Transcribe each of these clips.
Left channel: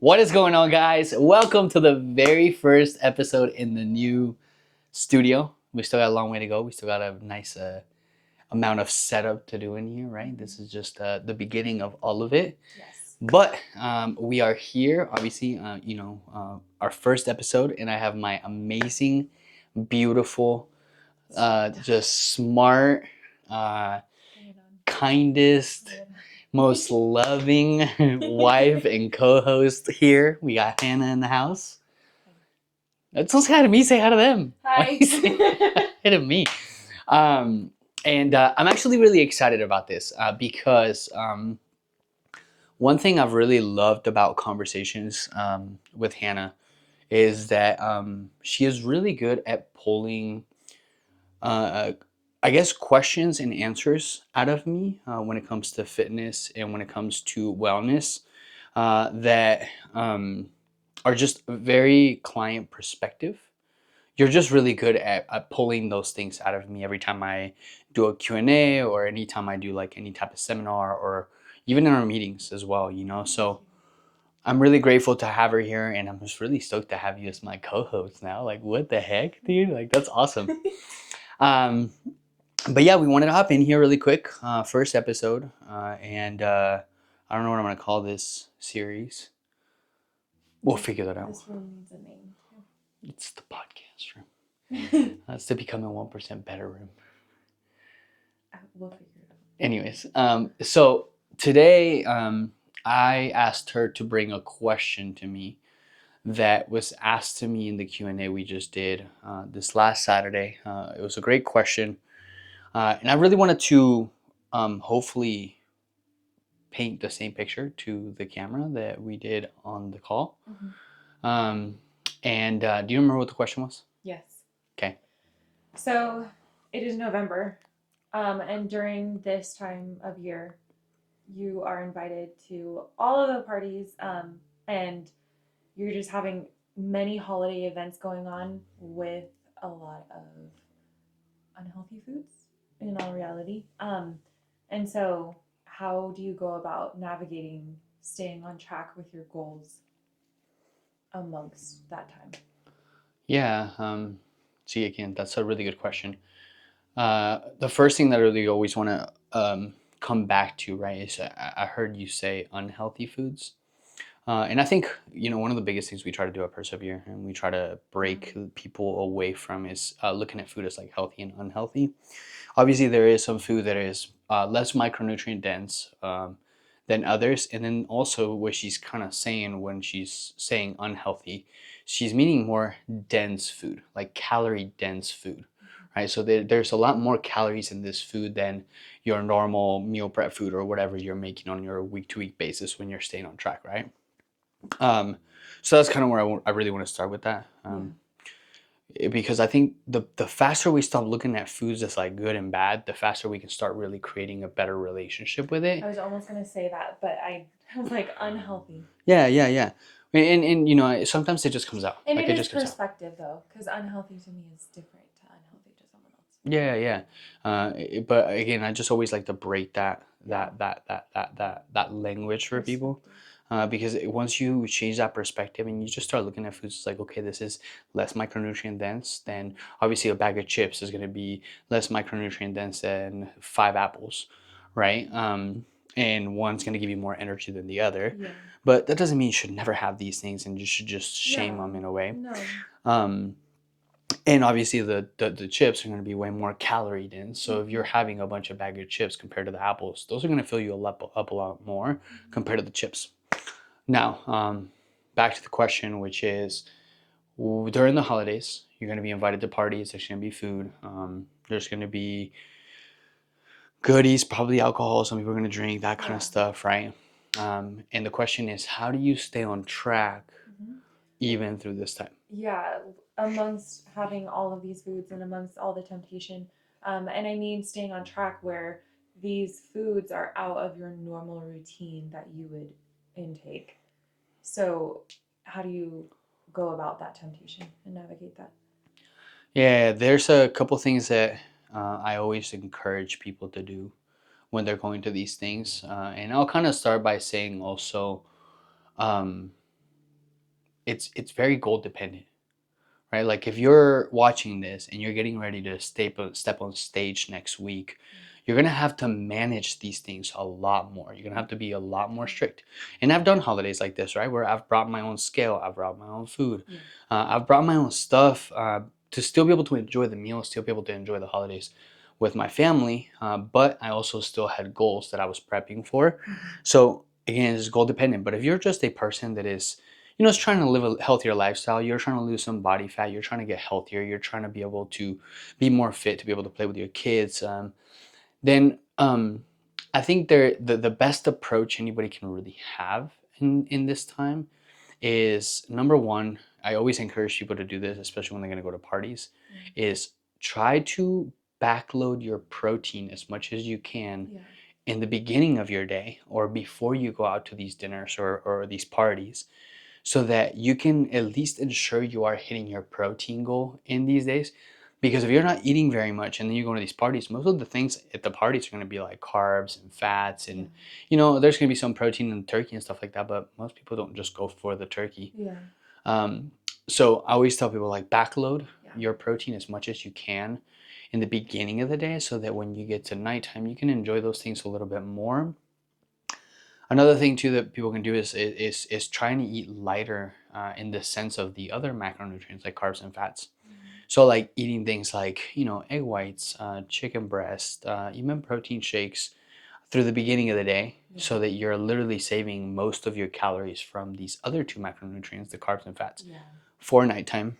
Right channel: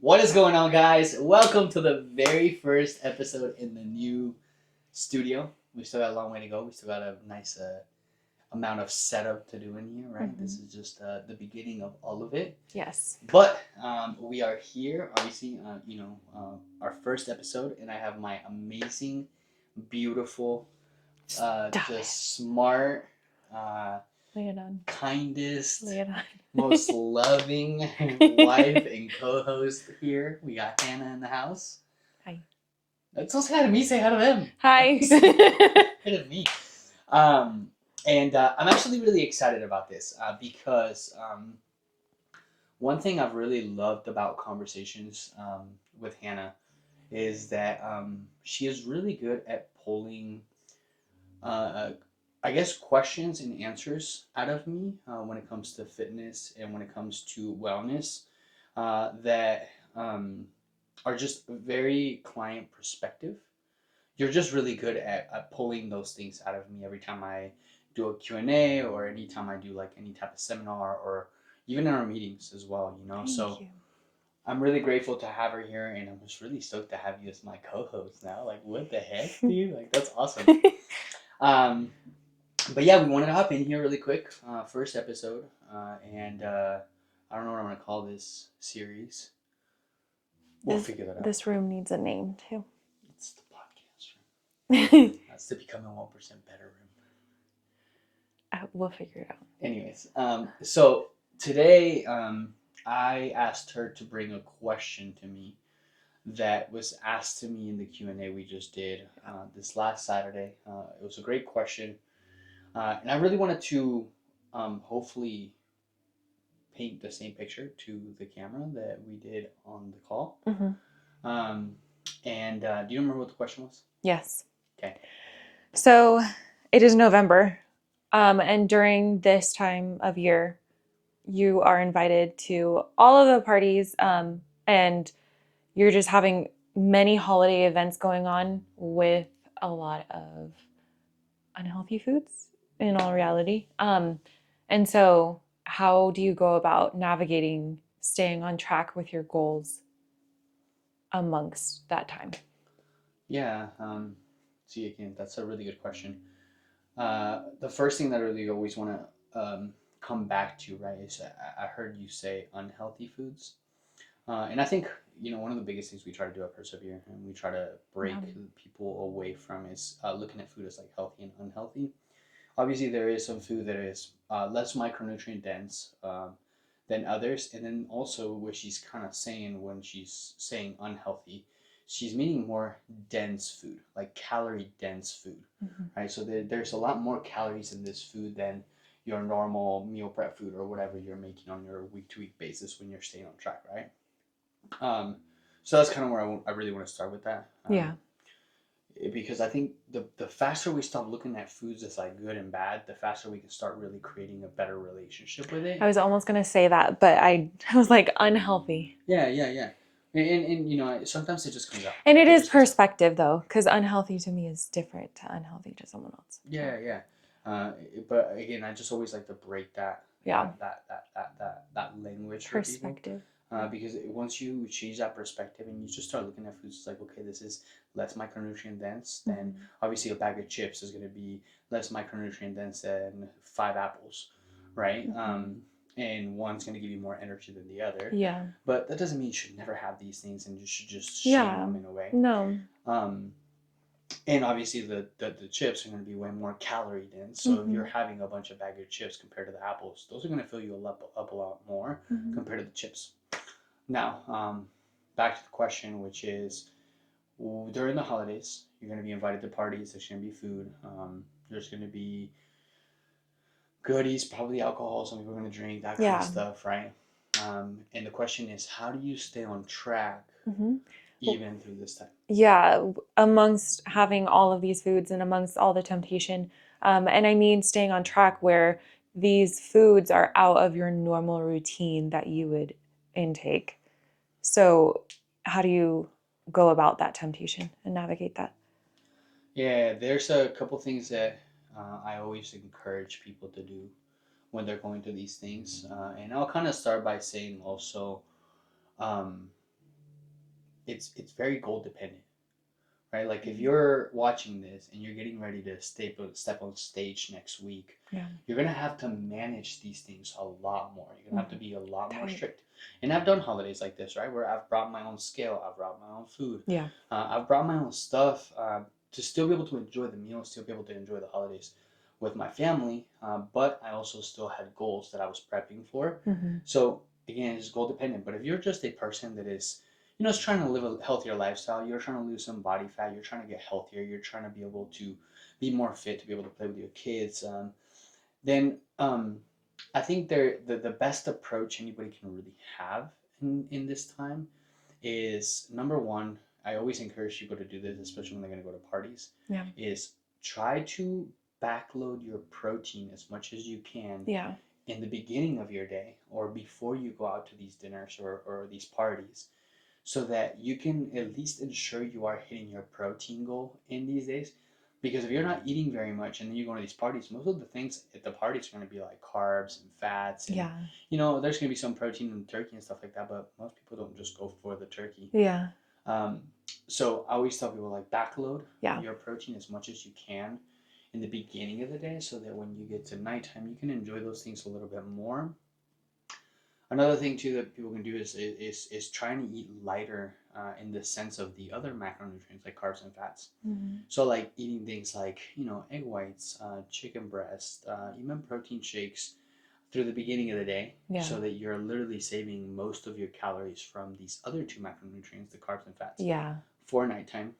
What is going on, guys? Welcome to the very first episode in the new studio. We still got a long way to go. We still got a nice amount of setup to do in here, right? This is just the beginning of all of it. Yes. But we are here, obviously, our first episode, and I have my amazing, beautiful, just smart, Lay it on. kindest, Lay it on. most loving wife and co-host here. We got Hannah in the house. Hi. Don't say hi to me, say hi to them. Hi. Hi to me. And I'm actually really excited about this because one thing I've really loved about conversations with Hannah is that she is really good at pulling uh, I guess questions and answers out of me when it comes to fitness and when it comes to wellness that are just very client perspective. You're just really good at pulling those things out of me every time I do a Q&A or anytime I do like any type of seminar or even in our meetings as well, you know? Thank So you. I'm really grateful to have her here and I'm just really stoked to have you as my co-host now. Like, what the heck, dude? Like, that's awesome. Um, but yeah, we wanted to hop in here really quick. First episode, and I don't know what I'm gonna call this series. We'll figure that out. This room needs a name too. It's the podcast room. That's to become a 1% better room. We'll figure it out. Anyways, so today I asked her to bring a question to me that was asked to me in the Q&A we just did this last Saturday. It was a great question. And I really wanted to hopefully paint the same picture to the camera that we did on the call. Mm-hmm. And do you remember what the question was? Yes. Okay. So it is November, and during this time of year, you are invited to all of the parties, and you're just having many holiday events going on with a lot of unhealthy foods in all reality. And so how do you go about navigating staying on track with your goals amongst that time? Yeah. See, again, that's a really good question. The first thing that I really always want to come back to, right, is I heard you say unhealthy foods. And I think, one of the biggest things we try to do at Persevere and we try to break people away from is looking at food as like healthy and unhealthy. Obviously, there is some food that is less micronutrient dense than others. And then also, what she's kind of saying when she's saying unhealthy, she's meaning more dense food, like calorie dense food, right? So there's a lot more calories in this food than your normal meal prep food or whatever you're making on your week to week basis when you're staying on track, right? So that's kind of where I really want to start with that. Yeah. Because I think the faster we stop looking at foods as like good and bad, the faster we can start really creating a better relationship with it. I was almost going to say that, but I was like unhealthy. Yeah. And sometimes it just comes out. And Like, it is just comes out. perspective though, because unhealthy to me is different to unhealthy to someone else. Yeah. But again, I just always like to break that Yeah. that language for people. Perspective. Because once you change that perspective and you just start looking at foods, it's like, okay, this is less micronutrient dense, then obviously a bag of chips is going to be less micronutrient dense than 5 apples, right? And one's going to give you more energy than the other. Yeah. But that doesn't mean you should never have these things and you should just shame them in a way. No. And obviously the chips are going to be way more calorie dense. So if you're having a bunch of bag of chips compared to the apples, those are going to fill you up a lot more compared to the chips. Now, back to the question, which is during the holidays, you're going to be invited to parties. There's going to be food. There's going to be goodies, probably alcohol. Some people are going to drink, that kind of stuff, right? And the question is, how do you stay on track even through this time? Yeah, amongst having all of these foods and amongst all the temptation. And I mean staying on track where these foods are out of your normal routine that you would intake. So how do you go about that temptation and navigate that? Yeah, there's a couple things that I always encourage people to do when they're going to these things. And I'll kind of start by saying also, um, it's very goal dependent, right? Like if you're watching this and you're getting ready to step on stage next week, Yeah. you're gonna have to manage these things a lot more. You're gonna have to be a lot more Tight. strict. And I've done holidays like this, right? Where I've brought my own scale, I've brought my own food, Yeah. I've brought my own stuff to still be able to enjoy the meal, still be able to enjoy the holidays with my family. But I also still had goals that I was prepping for. Mm-hmm. So again, it's goal dependent. But if you're just a person that is is trying to live a healthier lifestyle, you're trying to lose some body fat, you're trying to get healthier, you're trying to be able to be more fit, to be able to play with your kids, then I think the best approach anybody can really have in this time is, number one, I always encourage people to do this, especially when they're going to go to parties, Yeah. is try to backload your protein as much as you can Yeah. in the beginning of your day or before you go out to these dinners or these parties, so that you can at least ensure you are hitting your protein goal in these days. Because if you're not eating very much and then you go to these parties, most of the things at the parties are going to be like carbs and fats, and Yeah. there's going to be some protein in turkey and stuff like that, but most people don't just go for the turkey. Yeah. um, so I always tell people, like, backload Yeah. your protein as much as you can in the beginning of the day, so that when you get to nighttime you can enjoy those things a little bit more. Another thing too that people can do is trying to eat lighter, in the sense of the other macronutrients like carbs and fats. Mm-hmm. So like eating things like egg whites, chicken breast, even protein shakes through the beginning of the day, Yeah. so that you're literally saving most of your calories from these other two macronutrients, the carbs and fats, Yeah. for nighttime.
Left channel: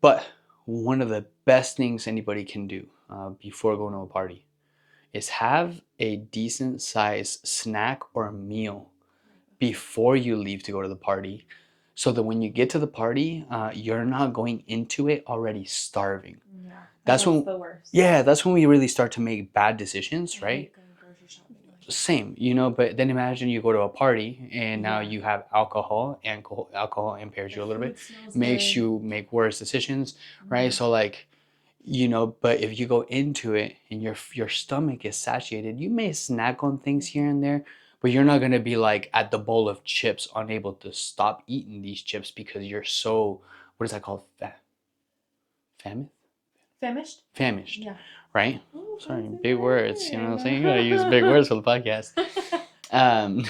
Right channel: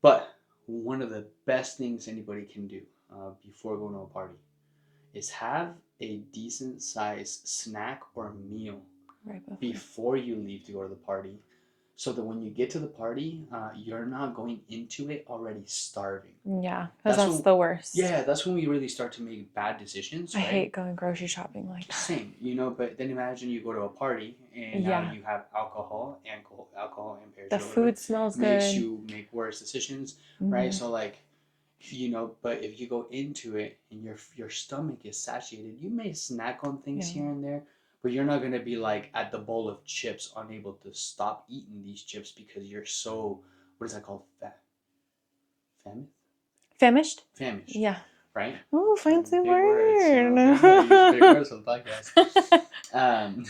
But one of the best things anybody can do before going to a party is have a decent size snack or meal Right before. before you leave to go to the party, so that when you get to the party, you're not going into it already starving. Yeah. Because That's that's when, the worst. yeah, that's when we really start to make bad I decisions, right? hate going grocery shopping like that. Same, but then imagine you go to a party and now Yeah. you have alcohol, and alcohol impairs The you a little bit, food smells makes good. you make worse decisions, right? Mm-hmm. So like, but if you go into it and your stomach is satiated, you may snack on things Yeah. here and there, but you're not going to be like at the bowl of chips, unable to stop eating these chips because you're so, what is that called? Famished? Famished? Famished, Yeah. right? Oh, Sorry, fancy big words. You know what I'm saying? word. Gotta use big words for the podcast. Um,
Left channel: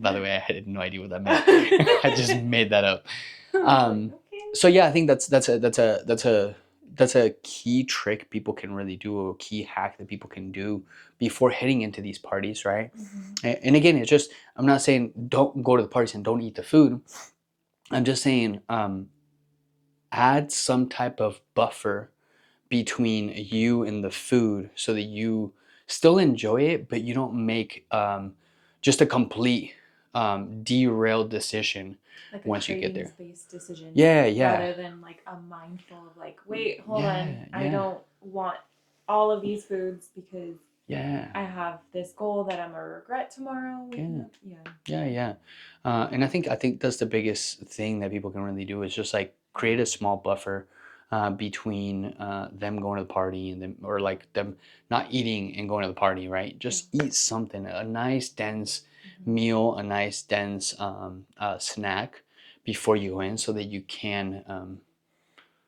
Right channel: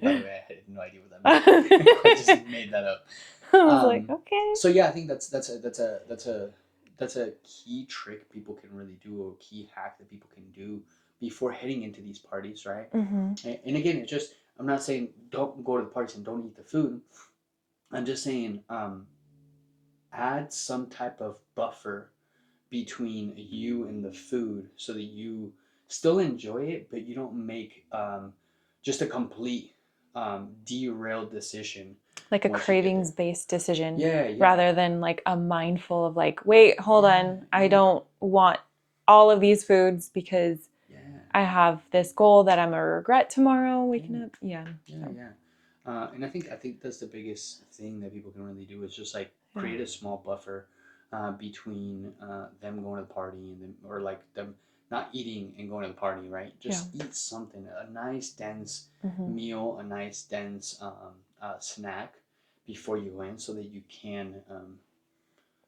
by the way, I had no idea what that meant. I just made that up. I was like, Um, okay. so yeah, I think that's a key trick people can really do, a key hack that people can do before heading into these parties, right? Mm-hmm. And again, it's just, I'm not saying don't go to the parties and don't eat the food. I'm just saying, add some type of buffer between you and the food, so that you still enjoy it, but you don't make just a complete derailed decision Like a once you get cravings there. based decision Yeah, yeah, rather than like a mindful of like, wait, hold on. yeah, I yeah, don't want all of these foods because yeah, I have this goal that I'm gonna regret tomorrow waking yeah, up. Yeah. yeah, yeah. And I think that's the biggest thing that people can really do, is just like Yeah. create a small buffer between them going to the party and them, or like them not eating and going to the party, right? Yeah. Just eat something, a nice dense Mm-hmm. meal, a nice dense snack before you go in, so that you can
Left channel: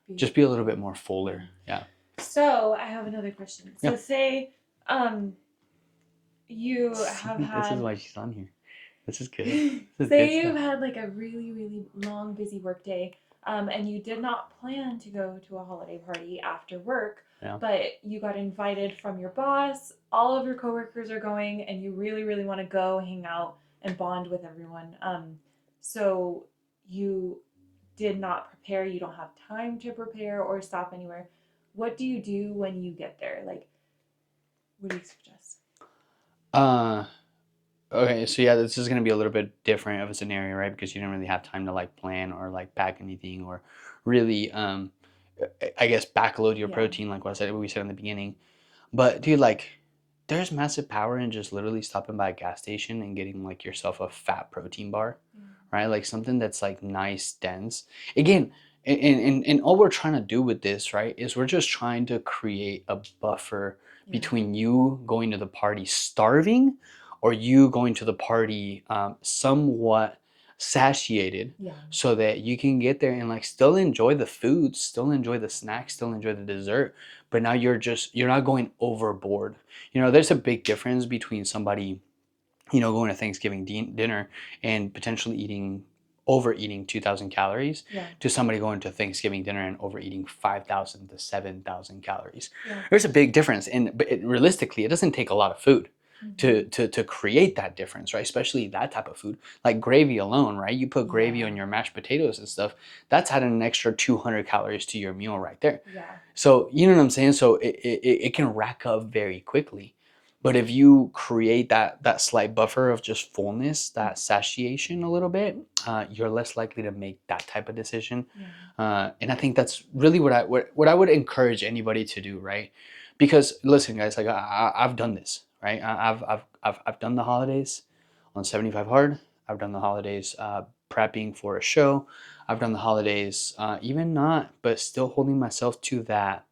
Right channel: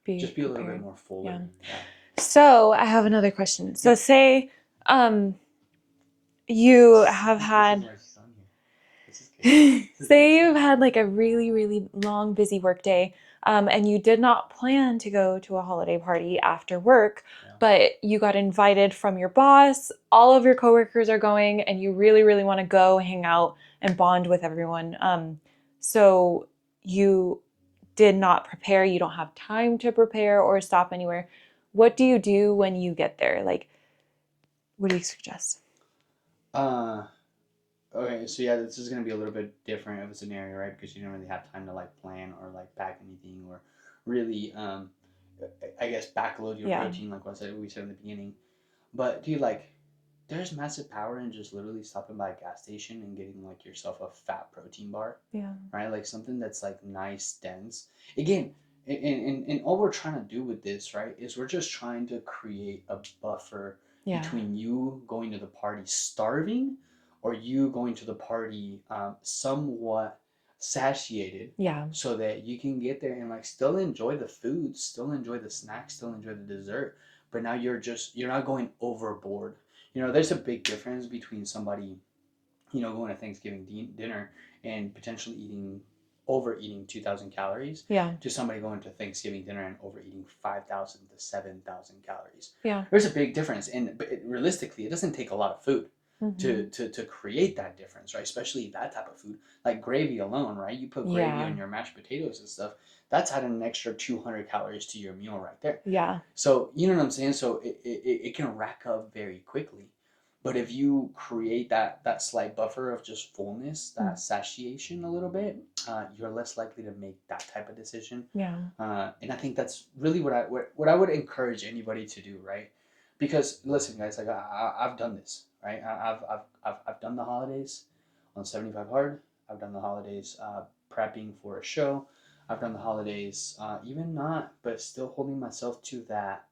Be just be a little bit prepared. more Yeah. fuller. Yeah. So I have another question. So Yeah. say you have This is had why she's on here. This is good. This is good say you've stuff. had like a really, really long, busy work day, and you did not plan to go to a holiday party after work, Yeah. but you got invited from your boss, all of your coworkers are going, and you really, really want to go hang out and bond with everyone. So you did not prepare, you don't have time to prepare or stop anywhere. What do you do when you get there? Like, what do you suggest? Uh, Okay, so yeah, this is gonna be a little bit different of a scenario, right? Because you didn't really have time to like plan or like pack anything, or really, I guess, backload your Yeah. protein, like what we said in the beginning. But dude, like, there's massive power in just literally stopping by a gas station and getting like yourself a fat protein bar, Yeah. right? Like something that's like nice, dense. Again, and all we're trying to do with this, right, is we're just trying to create a buffer Yeah. between you going to the party starving, or you going to the party somewhat satiated Yeah. so that you can get there and like still enjoy the food, still enjoy the snacks, still enjoy the dessert, but now you're not going overboard. There's a big difference between somebody, going to Thanksgiving dinner and potentially overeating 2,000 calories Yeah. to somebody going to Thanksgiving dinner and overeating 5,000 to 7,000 calories. Yeah. There's a big difference, and but realistically, it doesn't take a lot of food to, Mm-hmm. to to create that difference, right? Especially that type of food, like gravy alone, right? You put gravy Yeah. on your mashed potatoes and stuff. That's adding an extra 200 calories to your meal right there. Yeah. So you know what I'm saying? So it can rack up very quickly. But if you create that slight buffer of just fullness, that Mm. satiation a little bit, you're less likely to make that type of decision. Yeah. And I think that's really what I would encourage anybody to do, right? Because listen, guys, like I've done this, right? I've done the holidays on 75 hard. I've done the holidays prepping for a show. I've done the holidays even not, but still holding myself to that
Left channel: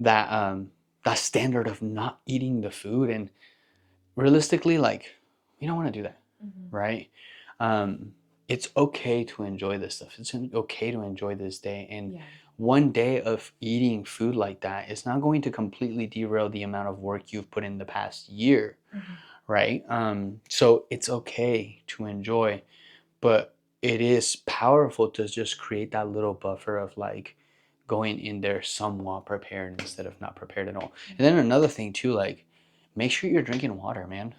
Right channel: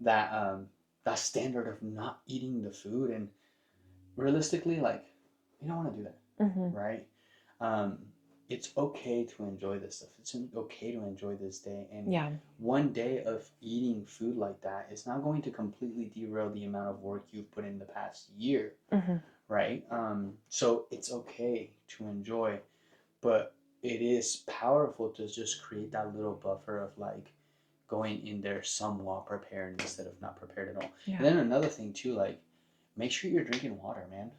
that standard of not eating the food. And realistically, like, we don't want to do that, Mm-hmm. right? um it's okay to enjoy this stuff. It's okay to enjoy this day, and Yeah. one day of eating food like that is not going to completely derail the amount of work you've put in the past year, Mm-hmm. right? So it's okay to enjoy, but it is powerful to just create that little buffer of like going in there somewhat prepared instead of not prepared at all. Yeah. And then another thing too, like, make sure you're drinking water, man.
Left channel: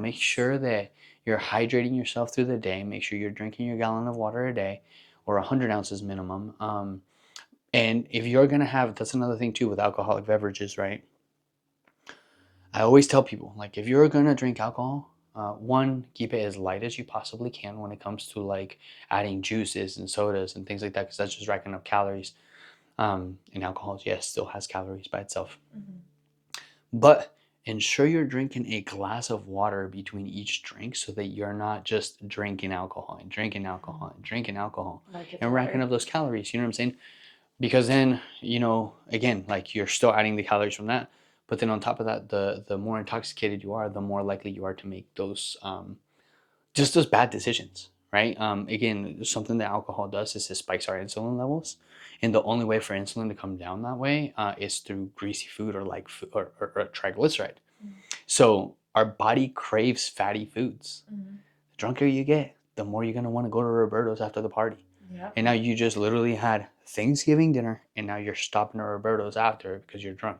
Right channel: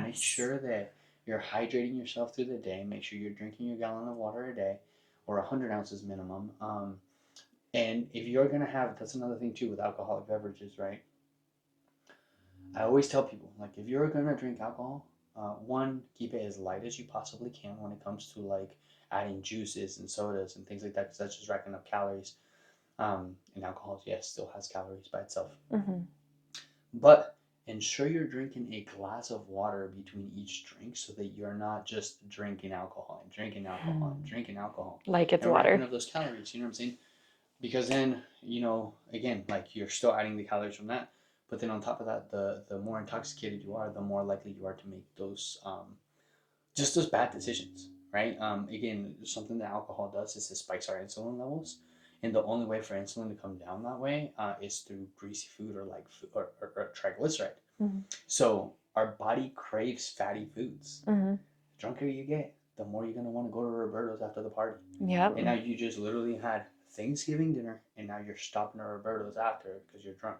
Make Yes. sure that you're hydrating yourself through the day. Make sure you're drinking your gallon of water a day, or 100 ounces minimum. And if you're gonna have, that's another thing too with alcoholic beverages, right? I always tell people, like, if you're gonna drink alcohol, one, keep it as light as you possibly can when it comes to like adding juices and sodas and things like that, because that's just racking up calories. And alcohol, yes, still has calories by itself, Mm-hmm. but ensure you're drinking a glass of water between each drink so that you're not just drinking alcohol and drinking alcohol and drinking alcohol Like it's and racking water. up those calories. You know what I'm saying? Because then, again, like, you're still adding the calories from that, but then on top of that, the more intoxicated you are, the more likely you are to make those just those bad decisions, right? Again, something that alcohol does is it spikes our insulin levels, and the only way for insulin to come down that way is through greasy food or like food, or triglyceride. Mm-hmm. So our body craves fatty foods. Mm-hmm. The drunker you get, the more you're gonna want to go to Roberto's after the party. Yep. And now you just literally had Thanksgiving dinner, and now you're stopping at Roberto's after because you're drunk.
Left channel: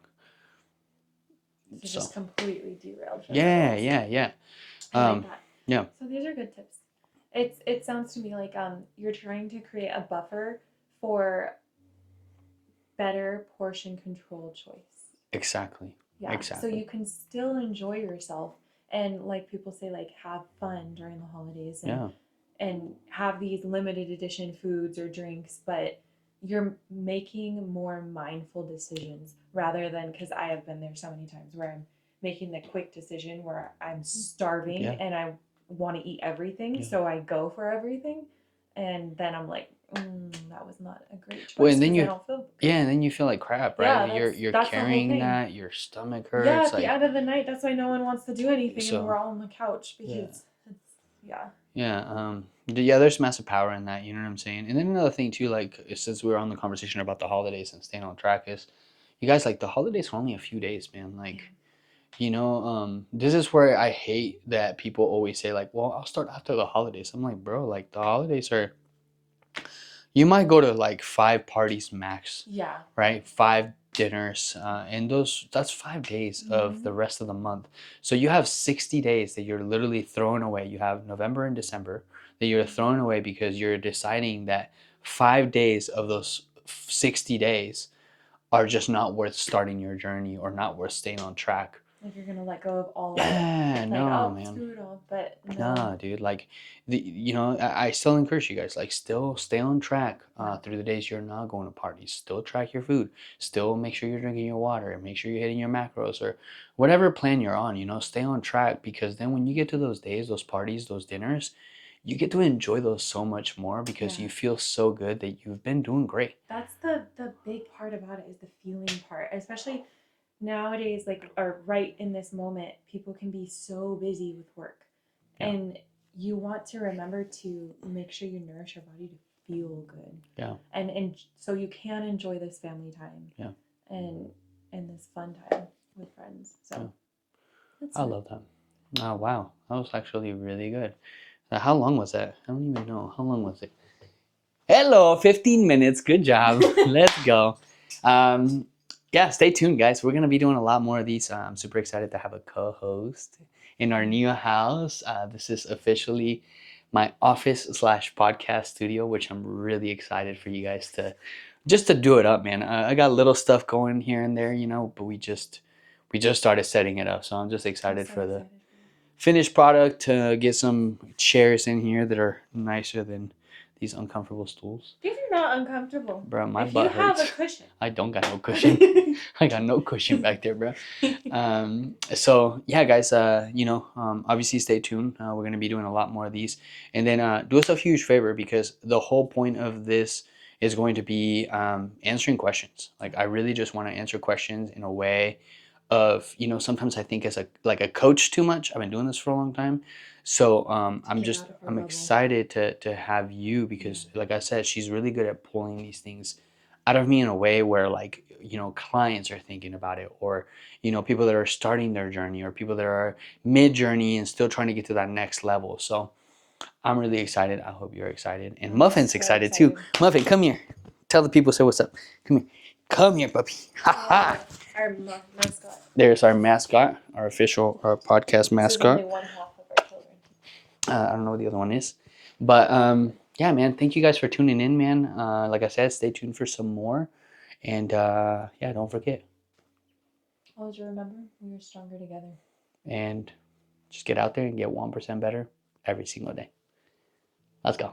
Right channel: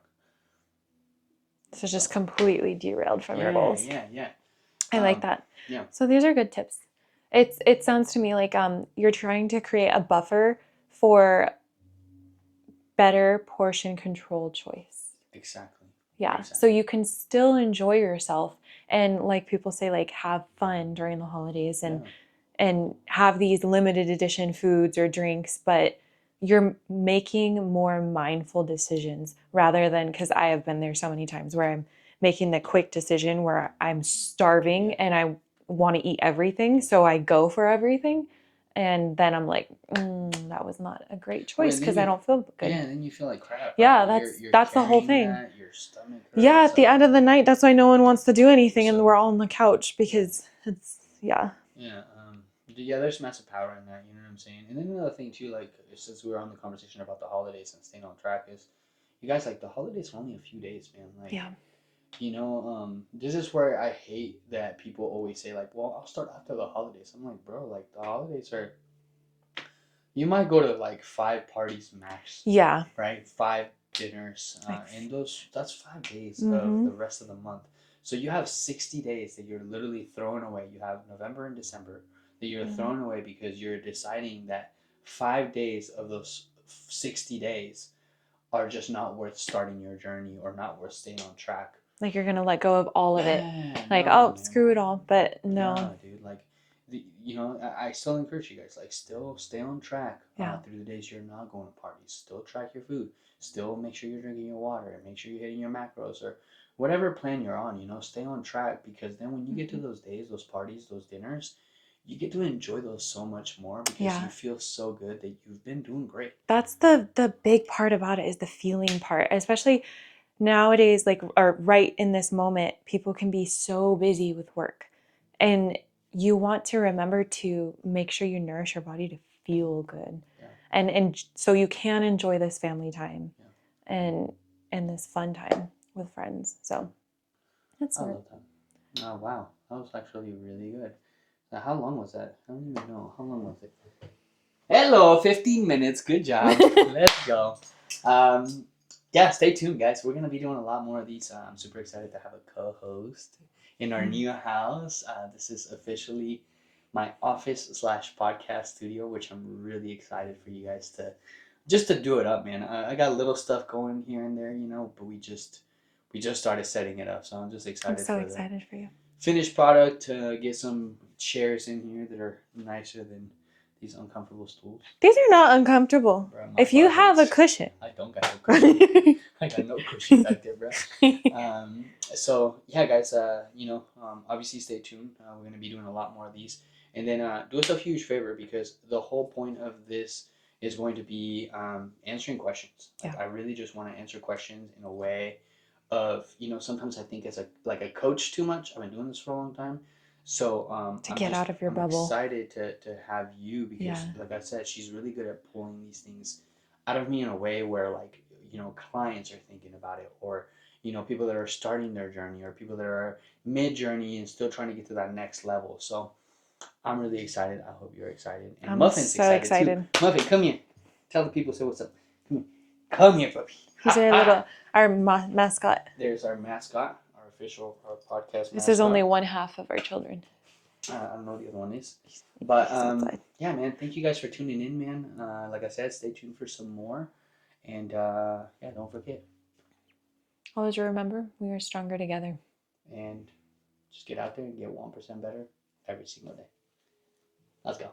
So So just completely derailed from your yeah, goals. yeah, yeah, I like um, that. yeah, So these are good tips. It sounds to me like you're trying to create a buffer for better portion control choice. exactly, Yeah. So exactly. you can still enjoy yourself and like people say like have fun during the holidays Yeah, and have these limited edition foods or drinks, but you're making more mindful decisions rather than because I have been there so many times where I'm making the quick decision where I'm starving yeah, and I want to eat everything. yeah. So I go for everything. And then I'm like, that was not a great Well, choice and then because I you, don't feel yeah, good. and then you feel like crap, right? Yeah, Like you're that's the whole carrying thing. that, your stomach Yeah, hurts, at the like, end of the night, that's why no one wants to do anything and we're so all on the couch yeah, because it's, yeah. yeah. Yeah, there's massive power in that. You know what I'm saying? And then another thing too, like, since we were on the conversation about the holidays and staying on track, is you guys, like, the holidays are only a few days, man. Like, Yeah. this is where I hate that people always say like, well, I'll start after the holidays. I'm like, bro, like, the holidays are, you might go to like 5 parties max, Yeah. right? 5 dinners, Like, and that's 5 days of mm-hmm. the rest of the month. So you have 60 days that you're literally throwing away. You have November and December that you're throwing away because you're deciding that 5 days of those 60 days are just not worth starting your journey or not worth staying on track. Like you're gonna let go of all of it. Yeah, Like, no, oh, man. screw it all. But no. Nah, dude. Like, I still encourage you guys, like, still stay on track Yeah. through the days you're not going to parties. Still track your food. Still make sure you're drinking your water. Make sure you're hitting your macros or whatever plan you're on. Stay on track, because then when you get to those days, those parties, those dinners, you get to enjoy those so much more because Yeah. you feel so good that you've been doing great. That's the big part about it is the feeling part, especially nowadays, like or right in this moment, people can be so busy with work. Yeah. And you want to remember to make sure you nourish your body to feel good. Yeah. And so you can enjoy this family time. Yeah. And this fun time with friends. So that's I it. love that. Oh, wow. That was actually really good. How long was that? I don't even know. How long was it? Hello, 15 minutes. Good job. Let's go. Um, yeah, stay tuned, guys. We're going to be doing a lot more of these. I'm super excited to have a co host in our new house. This is officially my office slash podcast studio, which I'm really excited for you guys to just to do it up, man. I got little stuff going here and there, but we just started setting it up, so I'm just I'm excited so for the excited for you. finished product, to get some chairs in here that are nicer than these uncomfortable stools. These are not uncomfortable. Bro, my If you butt have a hurts. cushion. I don't got no cushion. I got no cushion back there, bro. So yeah, guys, obviously stay tuned. We're gonna be doing a lot more of these, and then do us a huge favor, because the whole point of this is going to be answering questions. Like, I really just want to answer questions in a way of, sometimes I think as a coach too much. I've been doing this for a long time, so To get out of your I'm bubble. excited to have you, because Yeah. like I said, she's really good at pulling these things out of me in a way where, like, clients are thinking about it, or people that are starting their journey, or people that are mid journey and still trying to get to that next level. So I'm really excited. I hope you're excited, and I'm Muffin's so excited too. excited. Muffin, come here. Tell the people, say what's up. Come here, puppy. He's our mascot. There's our mascot, our official podcast This is mascot. only one half of our children. I don't know what the other one is. But yeah, man, thank you guys for tuning in, man. Like I said, stay tuned for some more. And yeah, don't forget. Always remember, we are stronger together. And just get out there and get 1% better every single day. Let's go.